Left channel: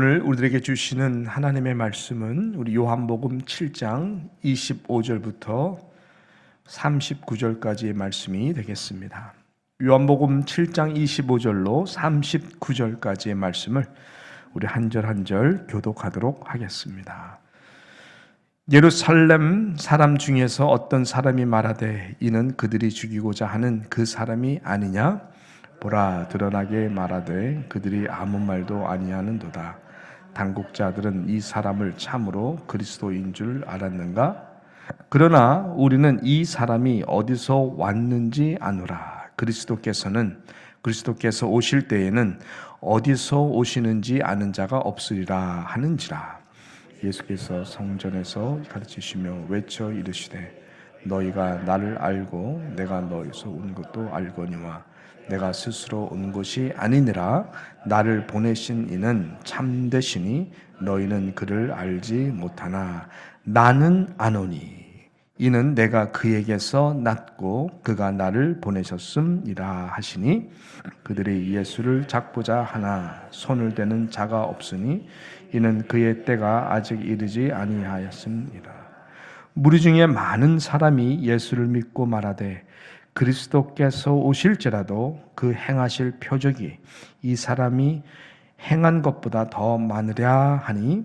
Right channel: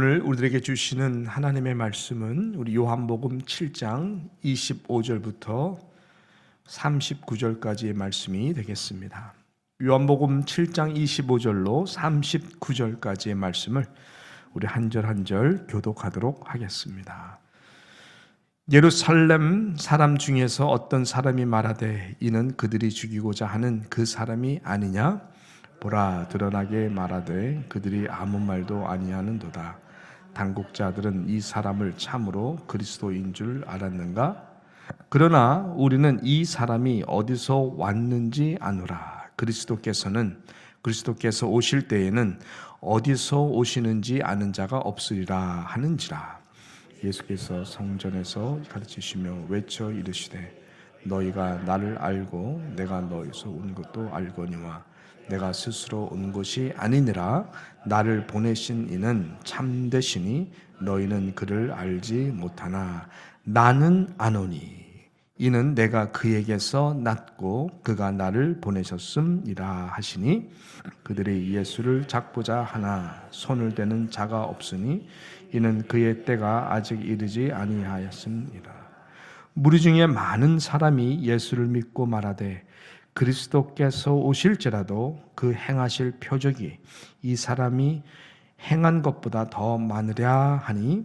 오늘 우리들에게 주시는 하나님의 말씀은 우리 요한복음 7장 25절부터 39절까지의 말씀이 되겠습니다. 요한복음 7장 25절로 39절까지의 말씀을 우리 한 절 한 절 교독하도록 하겠습니다. 예루살렘 사람 중에서 어떤 사람이 말하되 이는 그들이 죽이고자 하는 그 사람이 아니냐? 보라, 드러나게 말하되 그들이 아무 말도 아니하는도다. 당국자들은 이 사람을 참으로 그리스도인 줄 알았는가? 그러나 우리는 이 사람이 어디서 왔는지 아노라. 그리스도께서 오실 때에는 어디서 오시는지 아는 자가 없으리라 하는지라. 예수께서 성전에서 가르치시며 외쳐 이르시되 너희가 나를 알고 내가 너희서 온 것도 알거니와 내가 스스로 온 것이 아니니라. 나를 보내신 이는 참되시니 너희는 그를 알지 못하나 나는 아노니 이는 내가 그에게서 났고 그가 나를 보내셨음이라 하시니 그들이 예수를 잡고자 하나 손을 대는 자가 없으니 이는 그의 때가 아직 이르지 아니하였음이라. 무리 중에 많은 사람이 예수를 믿고 말하되 그리스도께서 오실지라도 그 행하실 표적이 이 사람이 행한 것보다 더 많으랴 하니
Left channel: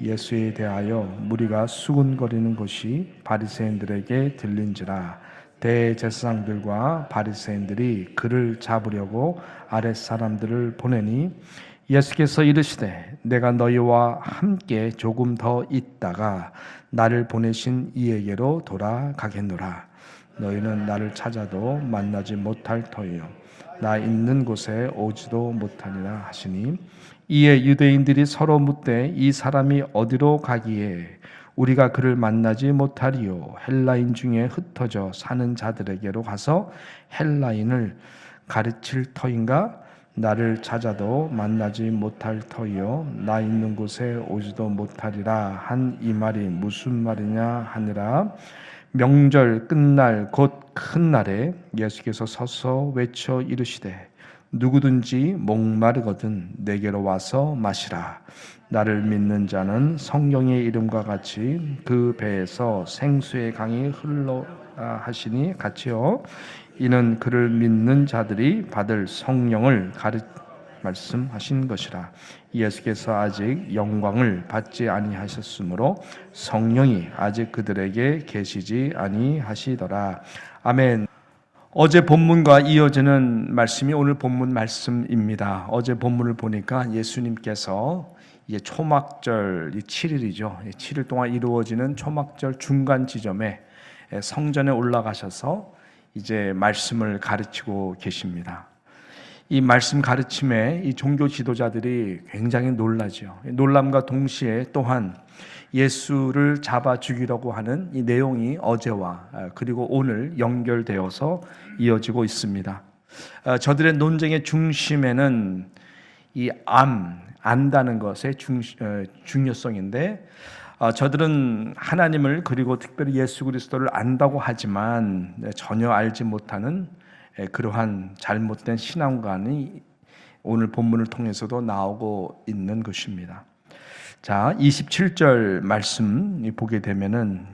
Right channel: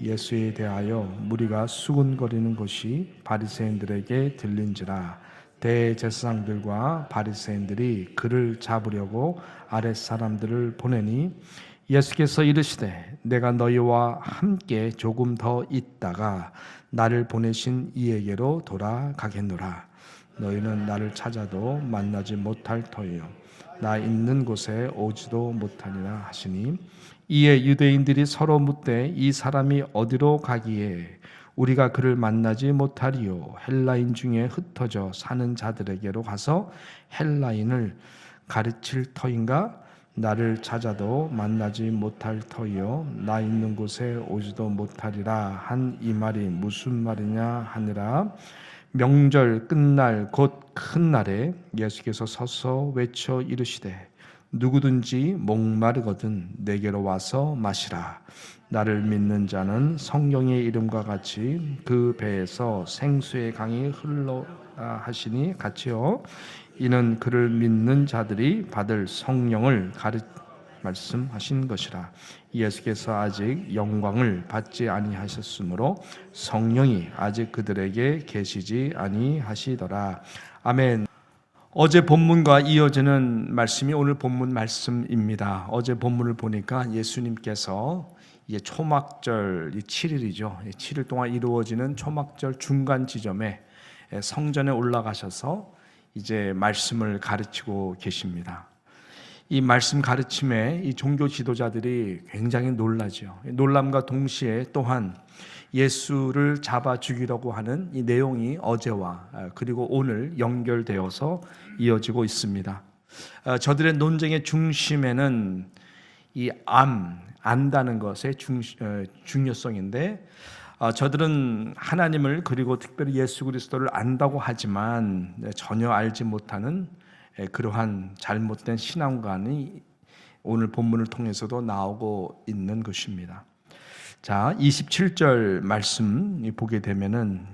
예수에 대하여 무리가 수군거리는 것이 바리새인들에게 들린지라. 대제사장들과 바리새인들이 그를 잡으려고 아랫사람들을 보내니 예수께서 이르시되 내가 너희와 함께 조금 더 있다가 나를 보내신 이에게로 돌아가겠노라. 너희는 나를 찾아도 만나지 못할 터이요 나 있는 곳에 오지도 못하니라 하시니 이에 유대인들이 서로 묻되 이 사람이 어디로 가기에 우리가 그를 만나지 못하리요? 헬라인 중에 흩어져 사는 자들에게로 가서 헬라인을 가르칠 터인가? 나를 찾아도 만나지 못할 터이요 나 있는 곳에 오지도 못하리라 한 이 말이 무슨 말이냐 하니라. 명절 끝날 곧 큰 날에 예수께서 서서 외쳐 이르시되 누구든지 목마르거든 내게로 와서 마시라. 나를 믿는 자는 성령의 이름과 같이 그 배에서 생수의 강이 흘러 하시니 같이요. 이는 그를 믿는 자들이 받을 성령을 말씀하신 것이라. 예수께서 아직 영광을 받지 아니하셨으므로 성령이 아직 그들에게 계시지 아니하시더라. 아멘. 어제 본문과 이어지는 말씀이 오늘 본문 말씀입니다. 어제 본문을 보니까 예수님께서 초막절 7일이죠. 7일 동안 이루어지는 초막절 중간 지점에 성전에 올라가셔서 이제 말씀을 가르치고 계십니다. 이 말씀 가르침에 이 종교 지도자들이 굉장히 놀라죠. 놀람과 동시에 또한 예수를 잡아 죽이려고 하는 이 내용이 어제와 그리고 오늘 연결되어서 이어지고 있습니다. 저들의 논쟁의 중심에는 이 안다는 것의 중요성인데 저들은 하나님을 그리고 특별히 예수 그리스도를 안다고 하지만 전혀 알지 못하는 그러한 잘못된 신앙관이 오늘 본문을 통해서도 나오고 있는 것입니다. 자, 27절 말씀 보게 되면은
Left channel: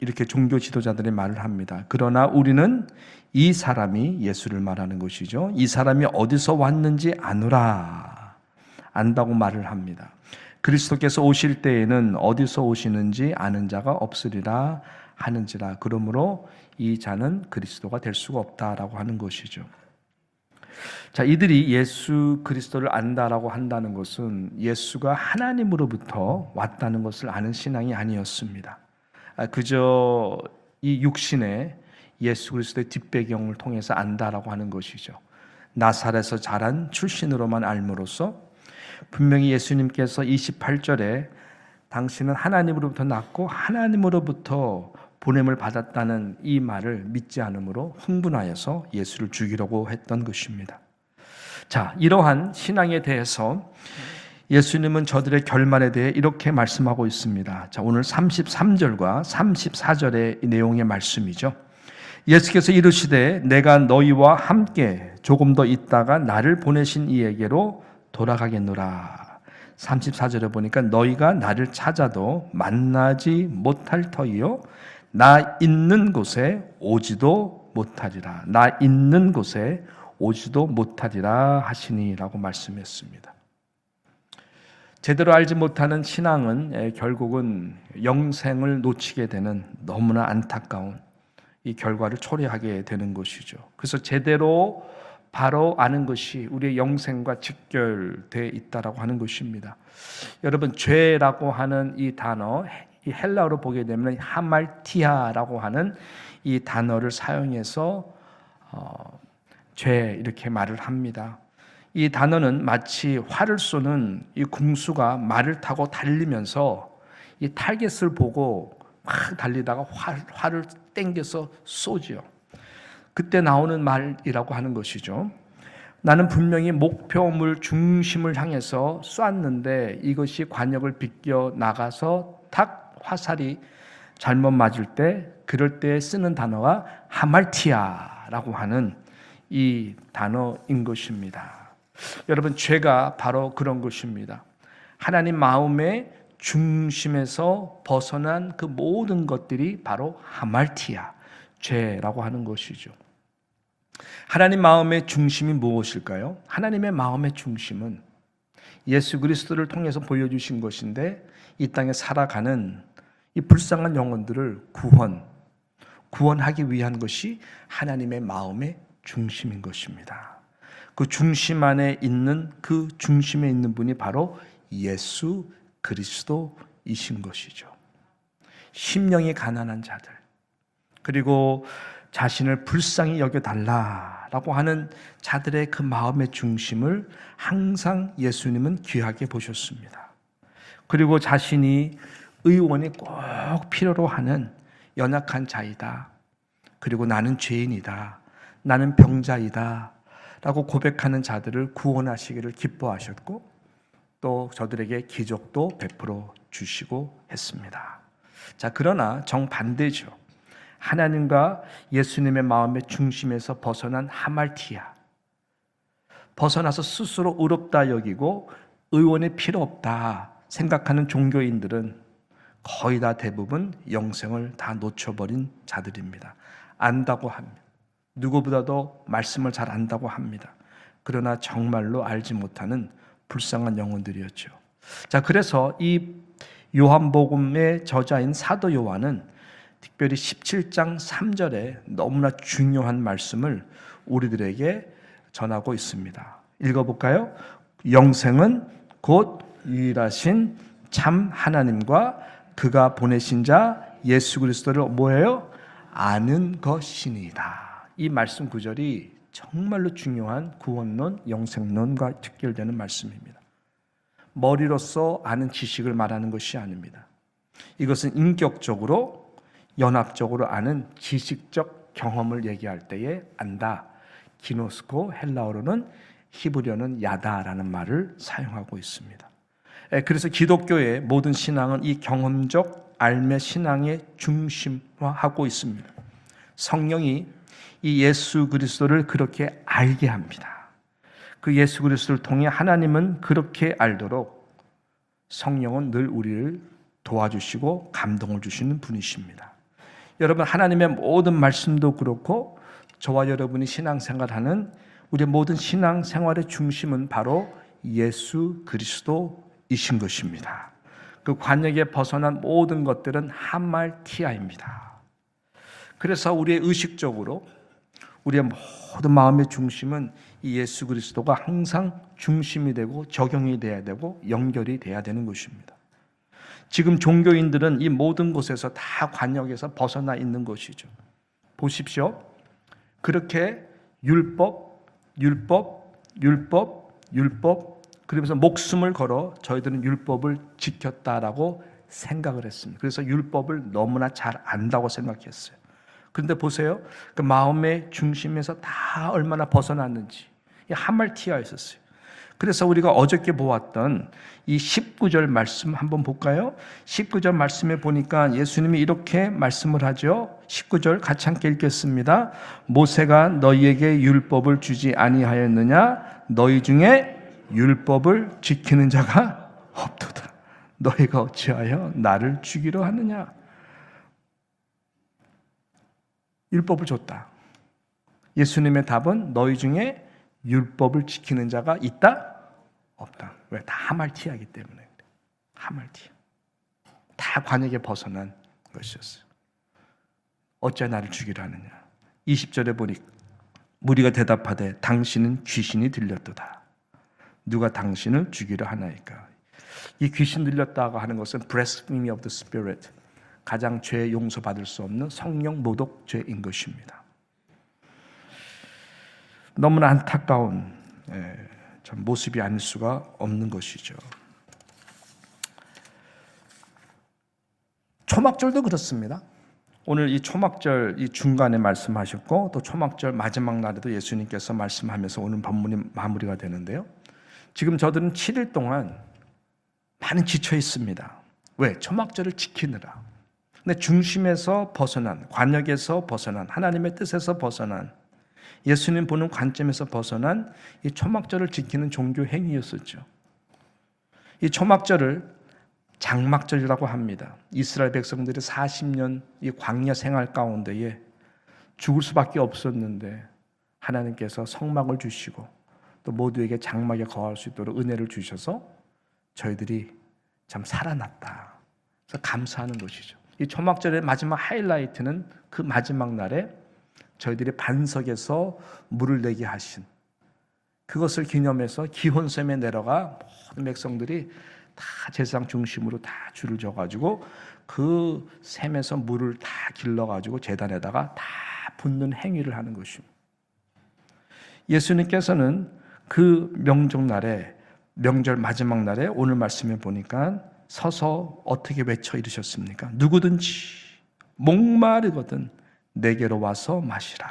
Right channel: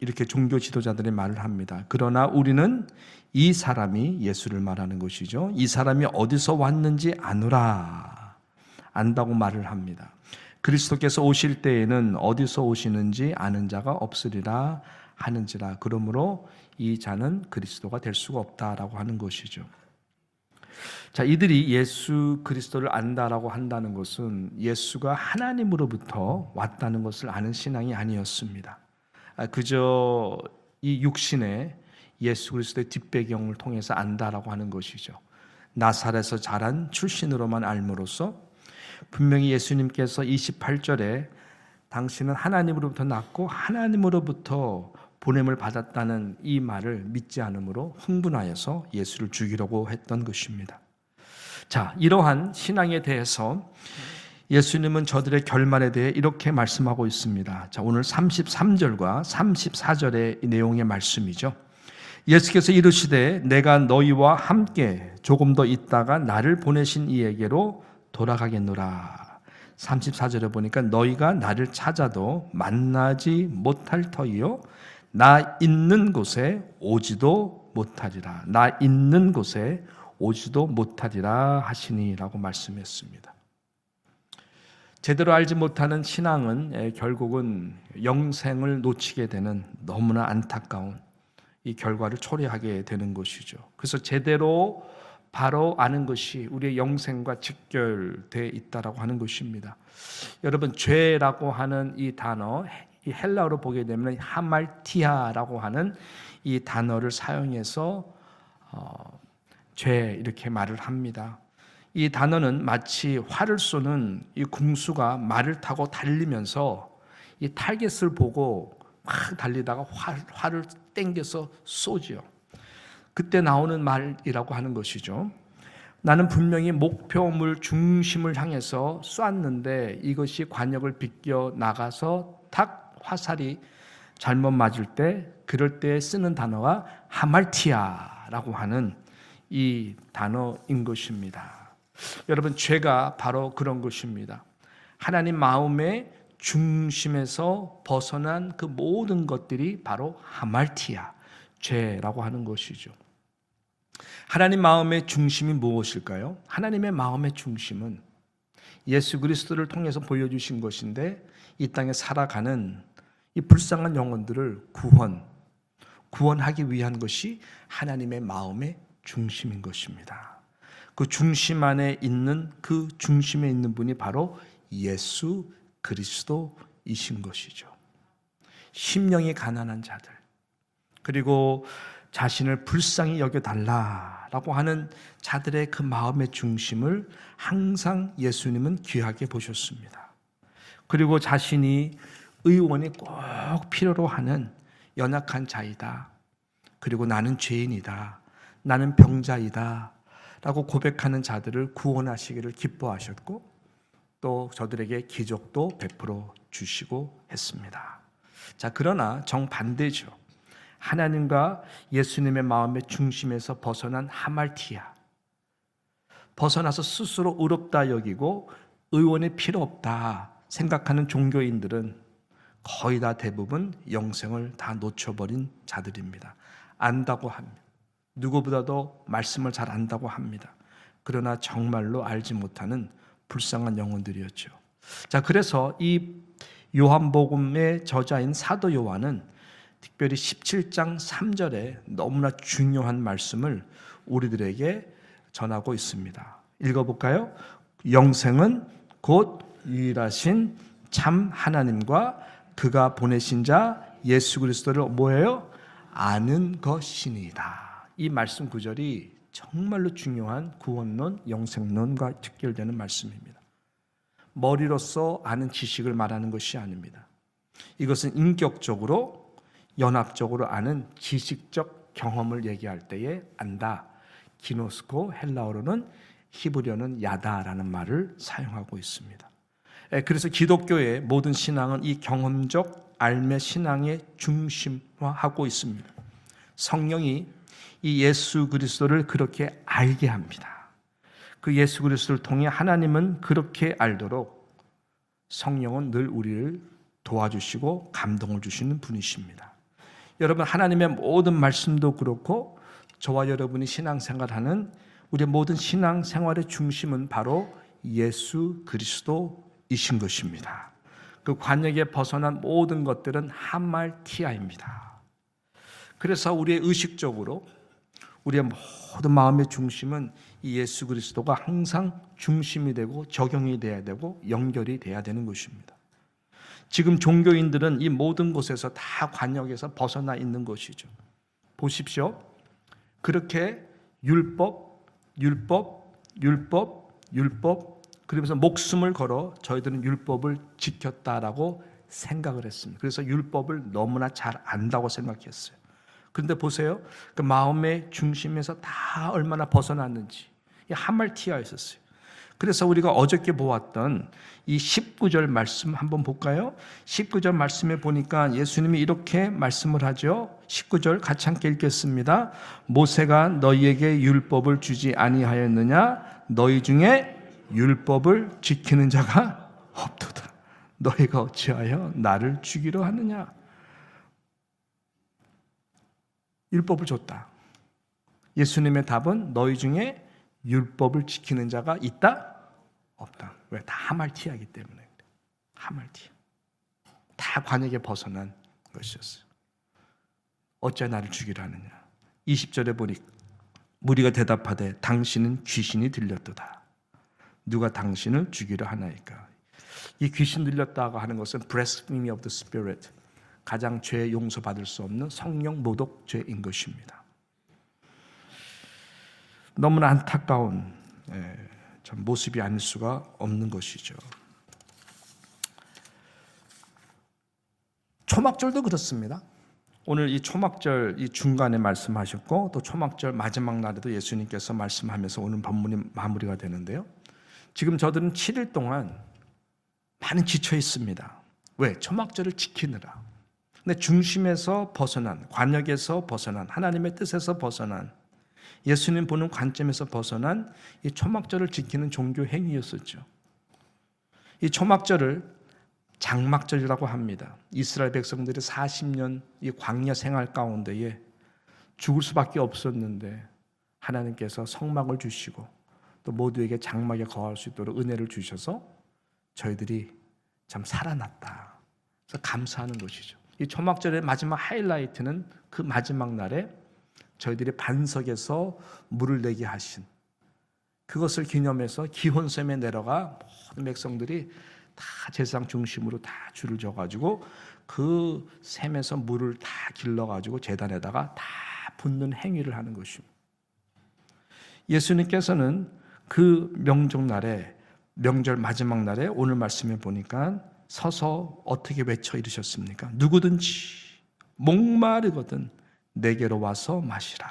이렇게 종교 지도자들이 말을 합니다. 그러나 우리는 이 사람이 예수를 말하는 것이죠. 이 사람이 어디서 왔는지 아노라. 안다고 말을 합니다. 그리스도께서 오실 때에는 어디서 오시는지 아는 자가 없으리라 하는지라. 그러므로 이 자는 그리스도가 될 수가 없다라고 하는 것이죠. 자, 이들이 예수 그리스도를 안다라고 한다는 것은 예수가 하나님으로부터 왔다는 것을 아는 신앙이 아니었습니다. 그저 이 육신의 예수 그리스도의 뒷배경을 통해서 안다라고 하는 것이죠. 나사렛에서 자란 출신으로만 알므로써 분명히 예수님께서 28절에 당신은 하나님으로부터 났고 하나님으로부터 보냄을 받았다는 이 말을 믿지 않으므로 흥분하여서 예수를 죽이려고 했던 것입니다. 자, 이러한 신앙에 대해서 예수님은 저들의 결말에 대해 이렇게 말씀하고 있습니다. 자, 오늘 33절과 34절의 내용의 말씀이죠. 예수께서 이르시되 내가 너희와 함께 조금 더 있다가 나를 보내신 이에게로 돌아가겠노라. 34절에 보니까 너희가 나를 찾아도 만나지 못할 터이요 나 있는 곳에 오지도 못하리라. 나 있는 곳에 오지도 못하리라 하시니라고 말씀했습니다. 제대로 알지 못하는 신앙은 결국은 영생을 놓치게 되는 너무나 안타까운 이 결과를 초래하게 되는 것이죠. 그래서 제대로 바로 아는 것이 우리의 영생과 직결되어 있다라고 하는 것입니다. 여러분, 죄라고 하는 이 단어, 이 헬라어로 보게 되면 하말티아라고 하는 이 단어를 사용해서 죄 이렇게 말을 합니다. 이 단어는 마치 활을 쏘는 이 궁수가 말을 타고 달리면서 이 타겟을 보고 막 달리다가 활을 땡겨서 쏘지요. 그때 나오는 말이라고 하는 것이죠. 나는 분명히 목표물 중심을 향해서 쐈는데 이것이 관역을 비껴 나가서 탁 화살이 잘못 맞을 때 그럴 때 쓰는 단어가 하말티아라고 하는 이 단어인 것입니다. 여러분, 죄가 바로 그런 것입니다. 하나님 마음의 중심에서 벗어난 그 모든 것들이 바로 하말티아, 죄라고 하는 것이죠. 하나님 마음의 중심이 무엇일까요? 하나님의 마음의 중심은 예수 그리스도를 통해서 보여주신 것인데 이 땅에 살아가는 이 불쌍한 영혼들을 구원하기 위한 것이 하나님의 마음의 중심인 것입니다. 그 중심 안에 있는 그 중심에 있는 분이 바로 예수 그리스도이신 것이죠. 심령이 가난한 자들, 그리고 자신을 불쌍히 여겨달라라고 하는 자들의 그 마음의 중심을 항상 예수님은 귀하게 보셨습니다. 그리고 자신이 의원이 꼭 필요로 하는 연약한 자이다, 그리고 나는 죄인이다, 나는 병자이다 라고 고백하는 자들을 구원하시기를 기뻐하셨고 또 저들에게 기적도 베풀어 주시고 했습니다. 자, 그러나 정반대죠. 하나님과 예수님의 마음의 중심에서 벗어난 하말티아, 벗어나서 스스로 의롭다 여기고 의원이 필요 없다 생각하는 종교인들은 거의 다 대부분 영생을 다 놓쳐버린 자들입니다. 안다고 합니다. 누구보다도 말씀을 잘 안다고 합니다. 그러나 정말로 알지 못하는 불쌍한 영혼들이었죠. 자, 그래서 이 요한복음의 저자인 사도 요한은 특별히 17장 3절에 너무나 중요한 말씀을 우리들에게 전하고 있습니다. 읽어볼까요? 영생은 곧 유일하신 참 하나님과 그가 보내신 자 예수 그리스도를 뭐예요? 아는 것이니이다. 이 말씀 구절이 정말로 중요한 구원론, 영생론과 직결되는 말씀입니다. 머리로서 아는 지식을 말하는 것이 아닙니다. 이것은 인격적으로, 연합적으로 아는 지식적 경험을 얘기할 때에 안다. 기노스코, 헬라어로는 히브리어는 야다라는 말을 사용하고 있습니다. 그래서 기독교의 모든 신앙은 이 경험적 알매 신앙의 중심화하고 있습니다. 성령이 이 예수 그리스도를 그렇게 알게 합니다. 그 예수 그리스도를 통해 하나님은 그렇게 알도록 성령은 늘 우리를 도와주시고 감동을 주시는 분이십니다. 여러분, 하나님의 모든 말씀도 그렇고 저와 여러분이 신앙생활하는 우리의 모든 신앙생활의 중심은 바로 예수 그리스도이신 것입니다. 그 관역에 벗어난 모든 것들은 하말티아입니다. 그래서 우리의 의식적으로 우리의 모든 마음의 중심은 이 예수 그리스도가 항상 중심이 되고 적용이 돼야 되고 연결이 돼야 되는 것입니다. 지금 종교인들은 이 모든 곳에서 다 관역에서 벗어나 있는 것이죠. 보십시오. 그렇게 율법 그러면서 목숨을 걸어 저희들은 율법을 지켰다라고 생각을 했습니다. 그래서 율법을 너무나 잘 안다고 생각했어요. 그런데 보세요. 그 마음의 중심에서 다 얼마나 벗어났는지 하말티아였었어요. 그래서 우리가 어저께 보았던 이 19절 말씀 한번 볼까요? 19절 말씀에 보니까 예수님이 이렇게 말씀을 하죠. 19절 같이 함께 읽겠습니다. 모세가 너희에게 율법을 주지 아니하였느냐? 너희 중에 율법을 지키는 자가 너희가 어찌하여 나를 죽이려 하느냐. 율법을 줬다. 예수님의 답은 너희 중에 율법을 지키는 자가 있다? 없다. 왜? 다 하말티하기 때문에. 하말티. 다 관역에 벗어난 것이었어요. 어찌 나를 죽이려 하느냐. 20절에 보니 무리가 대답하되 당신은 귀신이 들렸도다. 누가 당신을 죽이려 하나이까. 이 귀신 들렸다고 하는 것은 blasphemy of the spirit, 가장 죄 용서받을 수 없는 성령 모독죄인 것입니다. 너무나 안타까운 참 모습이 아닐 수가 없는 것이죠. 초막절도 그렇습니다. 오늘 이 초막절 이 중간에 말씀하셨고 또 초막절 마지막 날에도 예수님께서 말씀하면서 오늘 본문이 마무리가 되는데요. 지금 저들은 7일 동안 많은 지쳐 있습니다. 왜? 초막절을 지키느라. 근데 중심에서 벗어난, 관역에서 벗어난, 하나님의 뜻에서 벗어난, 예수님 보는 관점에서 벗어난 이 초막절을 지키는 종교 행위였었죠. 이 초막절을 장막절이라고 합니다. 이스라엘 백성들이 40년 이 광야 생활 가운데에 죽을 수밖에 없었는데 하나님께서 성막을 주시고 또 모두에게 장막에 거할 수 있도록 은혜를 주셔서 저희들이 참 살아났다. 그래서 감사하는 것이죠. 이 초막절의 마지막 하이라이트는 그 마지막 날에 저희들이 반석에서 물을 내게 하신 그것을 기념해서 기혼샘에 내려가 모든 백성들이 다 제사장 중심으로 다 줄을 져가지고 그 샘에서 물을 다 길러가지고 제단에다가 다 붓는 행위를 하는 것입니다. 예수님께서는 그 명절날에 명절 마지막 날에 오늘 말씀에 보니까 서서 어떻게 외쳐 이르셨습니까? 누구든지 목마르거든 내게로 와서 마시라.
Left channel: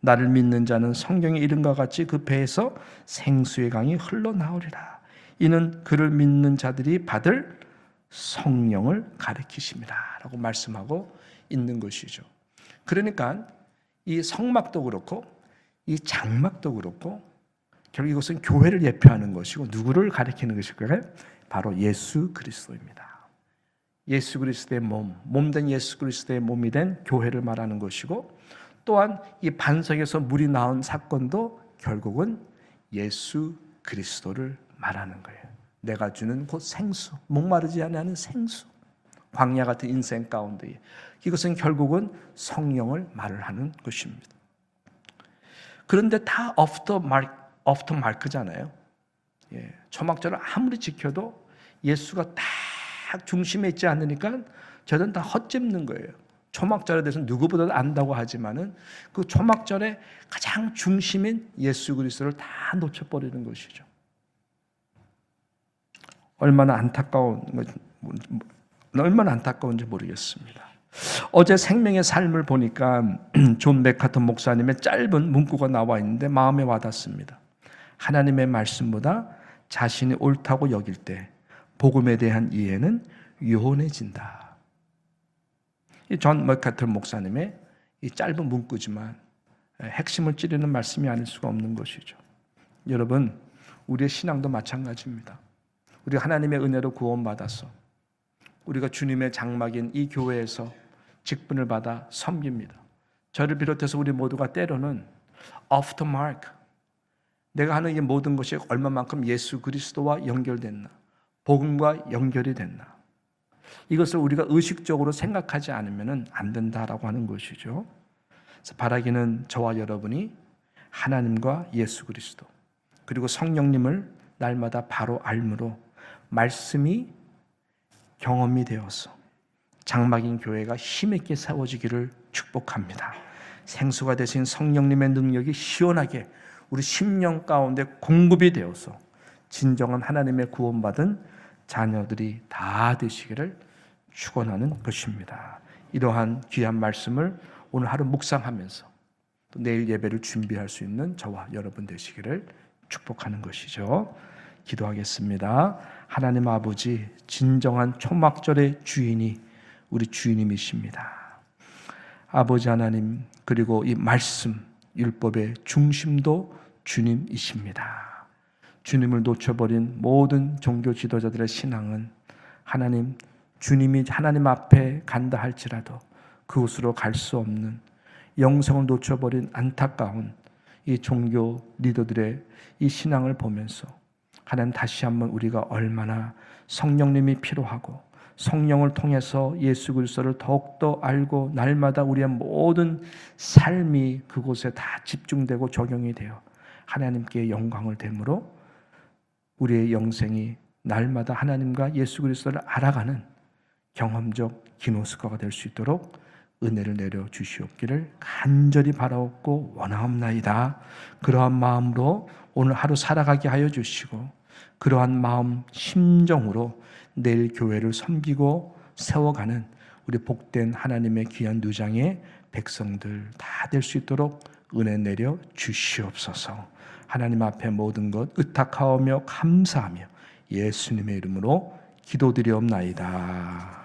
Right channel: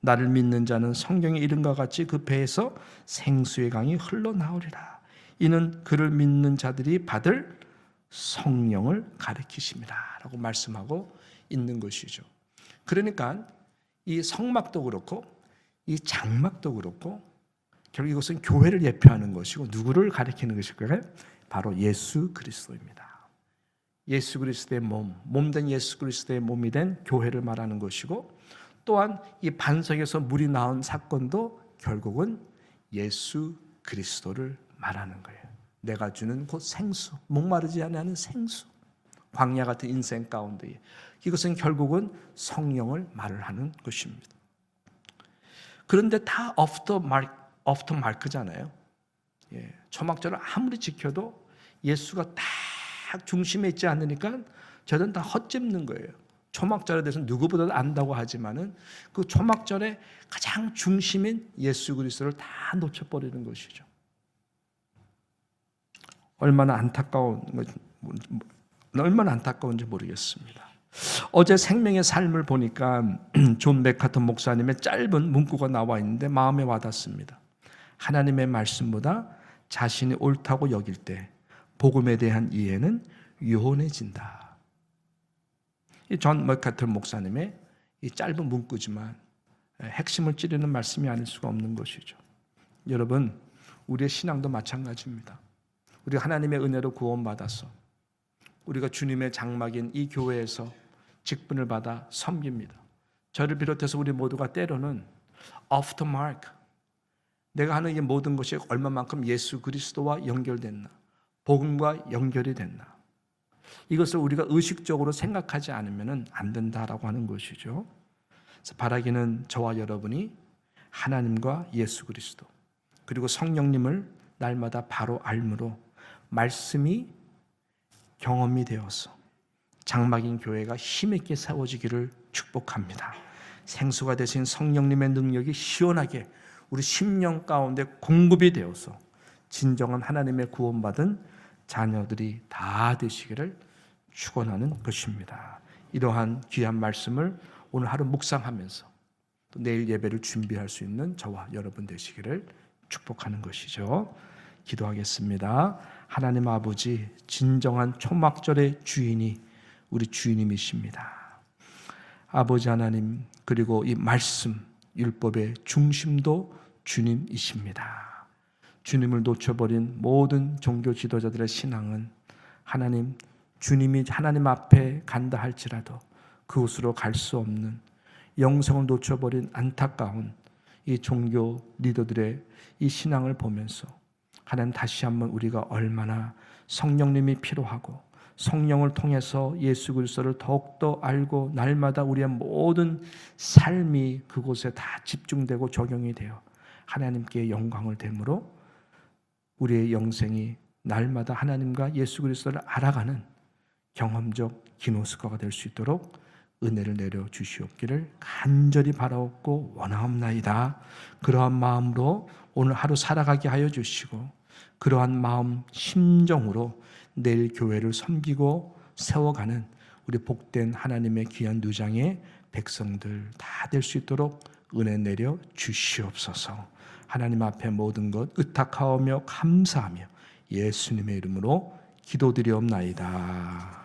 나를 믿는 자는 성경의 이름과 같이 그 배에서 생수의 강이 흘러나오리라. 이는 그를 믿는 자들이 받을 성령을 가리키심이라 라고 말씀하고 있는 것이죠. 그러니까 이 성막도 그렇고 이 장막도 그렇고 결국 이것은 교회를 예표하는 것이고 누구를 가리키는 것일까요? 바로 예수 그리스도입니다. 예수 그리스도의 몸된 예수 그리스도의 몸이 된 교회를 말하는 것이고 또한 이 반석에서 물이 나온 사건도 결국은 예수 그리스도를 말하는 거예요. 내가 주는 곧 생수, 목마르지 않는 생수, 광야 같은 인생 가운데 이것은 결국은 성령을 말을 하는 것입니다. 그런데 다 오프터 마크잖아요. 초막절을 아무리 지켜도 예수가 딱 중심에 있지 않으니까 저는 다 헛짚는 거예요. 초막절에 대해서 누구보다도 안다고 하지만은 그 초막절의 가장 중심인 예수 그리스도를 다 놓쳐버리는 것이죠. 얼마나 안타까운지 모르겠습니다. 어제 생명의 삶을 보니까 존 맥카터 목사님의 짧은 문구가 나와 있는데 마음에 와닿습니다. 하나님의 말씀보다 자신이 옳다고 여길 때 복음에 대한 이해는 요원해진다. 이 존 맥카터 목사님의 이 짧은 문구지만 핵심을 찌르는 말씀이 아닐 수가 없는 것이죠. 여러분, 우리의 신앙도 마찬가지입니다. 우리 하나님의 은혜로 구원받아서 우리가 주님의 장막인 이 교회에서 직분을 받아 섬깁니다. 저를 비롯해서 우리 모두가 때로는 off the mark, 내가 하는 이 모든 것이 얼마만큼 예수 그리스도와 연결됐나, 복음과 연결이 됐나, 이것을 우리가 의식적으로 생각하지 않으면 안 된다라고 하는 것이죠. 그래서 바라기는 저와 여러분이 하나님과 예수 그리스도 그리고 성령님을 날마다 바로 알므로 말씀이 경험이 되어서 장막인 교회가 힘있게 세워지기를 축복합니다. 생수가 되신 성령님의 능력이 시원하게 우리 심령 가운데 공급이 되어서 진정한 하나님의 구원받은 자녀들이 다 되시기를 축원하는 것입니다. 이러한 귀한 말씀을 오늘 하루 묵상하면서 또 내일 예배를 준비할 수 있는 저와 여러분 되시기를 축복하는 것이죠. 기도하겠습니다. 하나님 아버지, 진정한 초막절의 주인이 우리 주님이십니다. 아버지 하나님, 그리고 이 말씀, 율법의 중심도 주님이십니다. 주님을 놓쳐버린 모든 종교 지도자들의 신앙은 하나님, 주님이 하나님 앞에 간다 할지라도 그곳으로 갈 수 없는 영성을 놓쳐버린 안타까운 이 종교 리더들의 이 신앙을 보면서 하나님, 다시 한번 우리가 얼마나 성령님이 필요하고 성령을 통해서 예수 그리스도를 더욱더 알고 날마다 우리의 모든 삶이 그곳에 다 집중되고 적용이 되어 하나님께 영광을 되므로 우리의 영생이 날마다 하나님과 예수 그리스도를 알아가는 경험적 기노스코가 될 수 있도록 은혜를 내려 주시옵기를 간절히 바라옵고 원하옵나이다. 그러한 마음으로 오늘 하루 살아가게 하여 주시고 그러한 마음 심정으로 내일 교회를 섬기고 세워가는 우리 복된 하나님의 귀한 누장의 백성들 다 될 수 있도록 은혜 내려 주시옵소서. 하나님 앞에 모든 것 의탁하오며 감사하며 예수님의 이름으로 기도드리옵나이다.